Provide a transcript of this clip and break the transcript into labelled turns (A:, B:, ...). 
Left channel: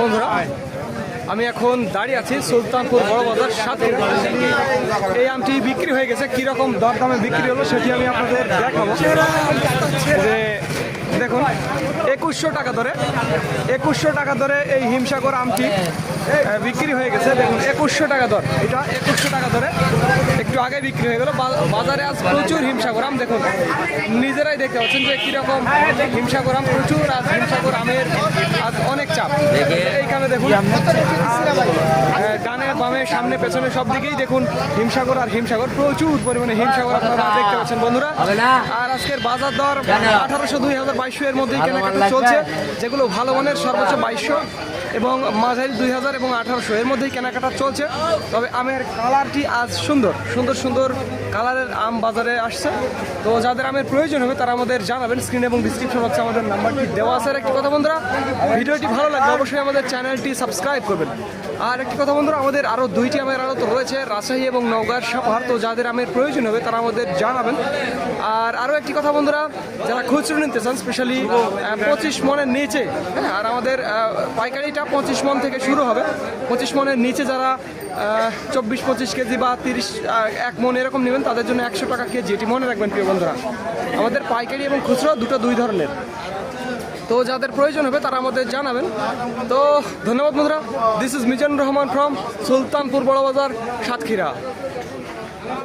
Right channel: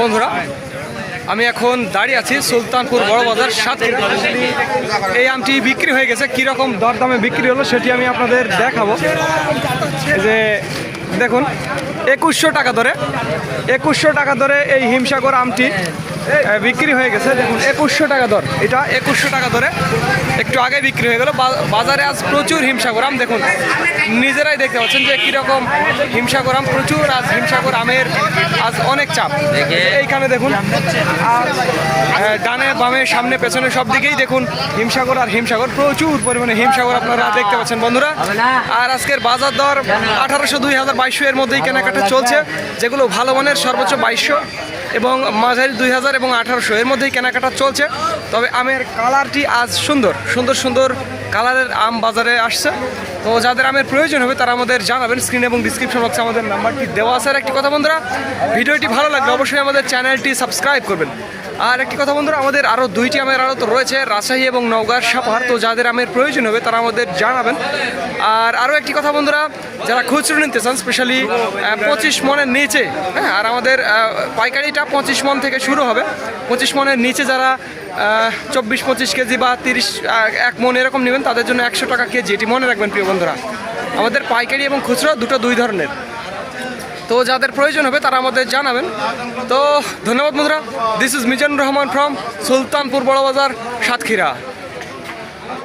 A: বন্ধুরা, আমি এখন দাঁড়িয়ে আছি সুলতানপুর বড় বাজার সাতক্ষীরা। এই আমটি বিক্রি হয়ে গেছে। কীরকম দরদামে বিক্রি হলো সেটি আমি আপনাদের দেখাবো। যে দেখুন, একুশশো টাকা ধরে একুশশো টাকা ধরে এই হিমসাগর আমটি বিক্রি হয়ে গেছে। দেখুন, একুশশো টাকা দর। এটা একুশশো টাকা ধরে একটু আগে বিক্রি হয়ে গেল। বাজারে আজ প্রচুর হিমসাগর আম দেখুন নিজেরাই দেখতে পাচ্ছেন যে কীরকম হিমসাগর আম প্রচুর আজ হিমসাগর আমের আজ অনেক চাপ। এইখানে দেখুন ডানে বামে সামনে পেছনে সব দিকেই দেখুন হিমসাগর আর হিমসাগর। প্রচুর পরিমাণে হিমসাগর আপনারা দেখতে পাচ্ছেন বন্ধুরা। আর আজকের বাজার দর আঠারোশো দুই হাজার বাইশশো এর মধ্যেই কেনাকাটা চলছে যেগুলো ভালো মানের সর্বোচ্চ বাইশশো। এবং মাঝারি দুই হাজার এবং আঠারোশো। এর মধ্যেই কেনাকাটা চলছে। তবে আমের কালারটি আজ সুন্দর। সুন্দর সুন্দর কালারের আম বাজারে আসছে। তো যাদের আমের প্রয়োজন হবে, তারা আমাদের জানাবেন। স্ক্রিন এবং ডিসক্রিপশন বক্সে আমাদের নাম্বারটি দেওয়া আছে। আর একটি কথা বন্ধুরা, ভিডিওটি ভালো লাগবে অবশ্যই আমাদের চ্যানেলটি সাবস্ক্রাইব করবেন। আর একটি কথা বন্ধুরা, আমাদের আরও দুইটি আমের আড়ত রয়েছে, রাজশাহী এবং নওগাঁর সাপাহার তো যাদের আমের প্রয়োজন হবে, তারা আমাদের জানাবেন। আর আরও একটি কথা বন্ধুরা যারা খুচরো নিতে চান স্পেশালি পঁচিশ মনের নিচে হ্যাঁ আর আমাদের পাইকারিটা পঁচিশ মন থেকে শুরু হবে। পঁচিশ মনের নিচে যারা চব্বিশ, পঁচিশ কেজি বা তিরিশ এক মন এরকম নেবেন, তাদের জন্য একশো টাকা কেজি। এটি মনে রাখবেন, প্রিয় বন্ধুরা। আমাদের পাইকারি এবং খুচরো দুটো দুই ধরনের। তো যাদের প্রয়োজন হবে, তারা আমাদের জানাবেন। তো ধন্যবাদ, বন্ধুরা। This is Mizanur Rahman from Sultanpur Barabazar, Satkhira.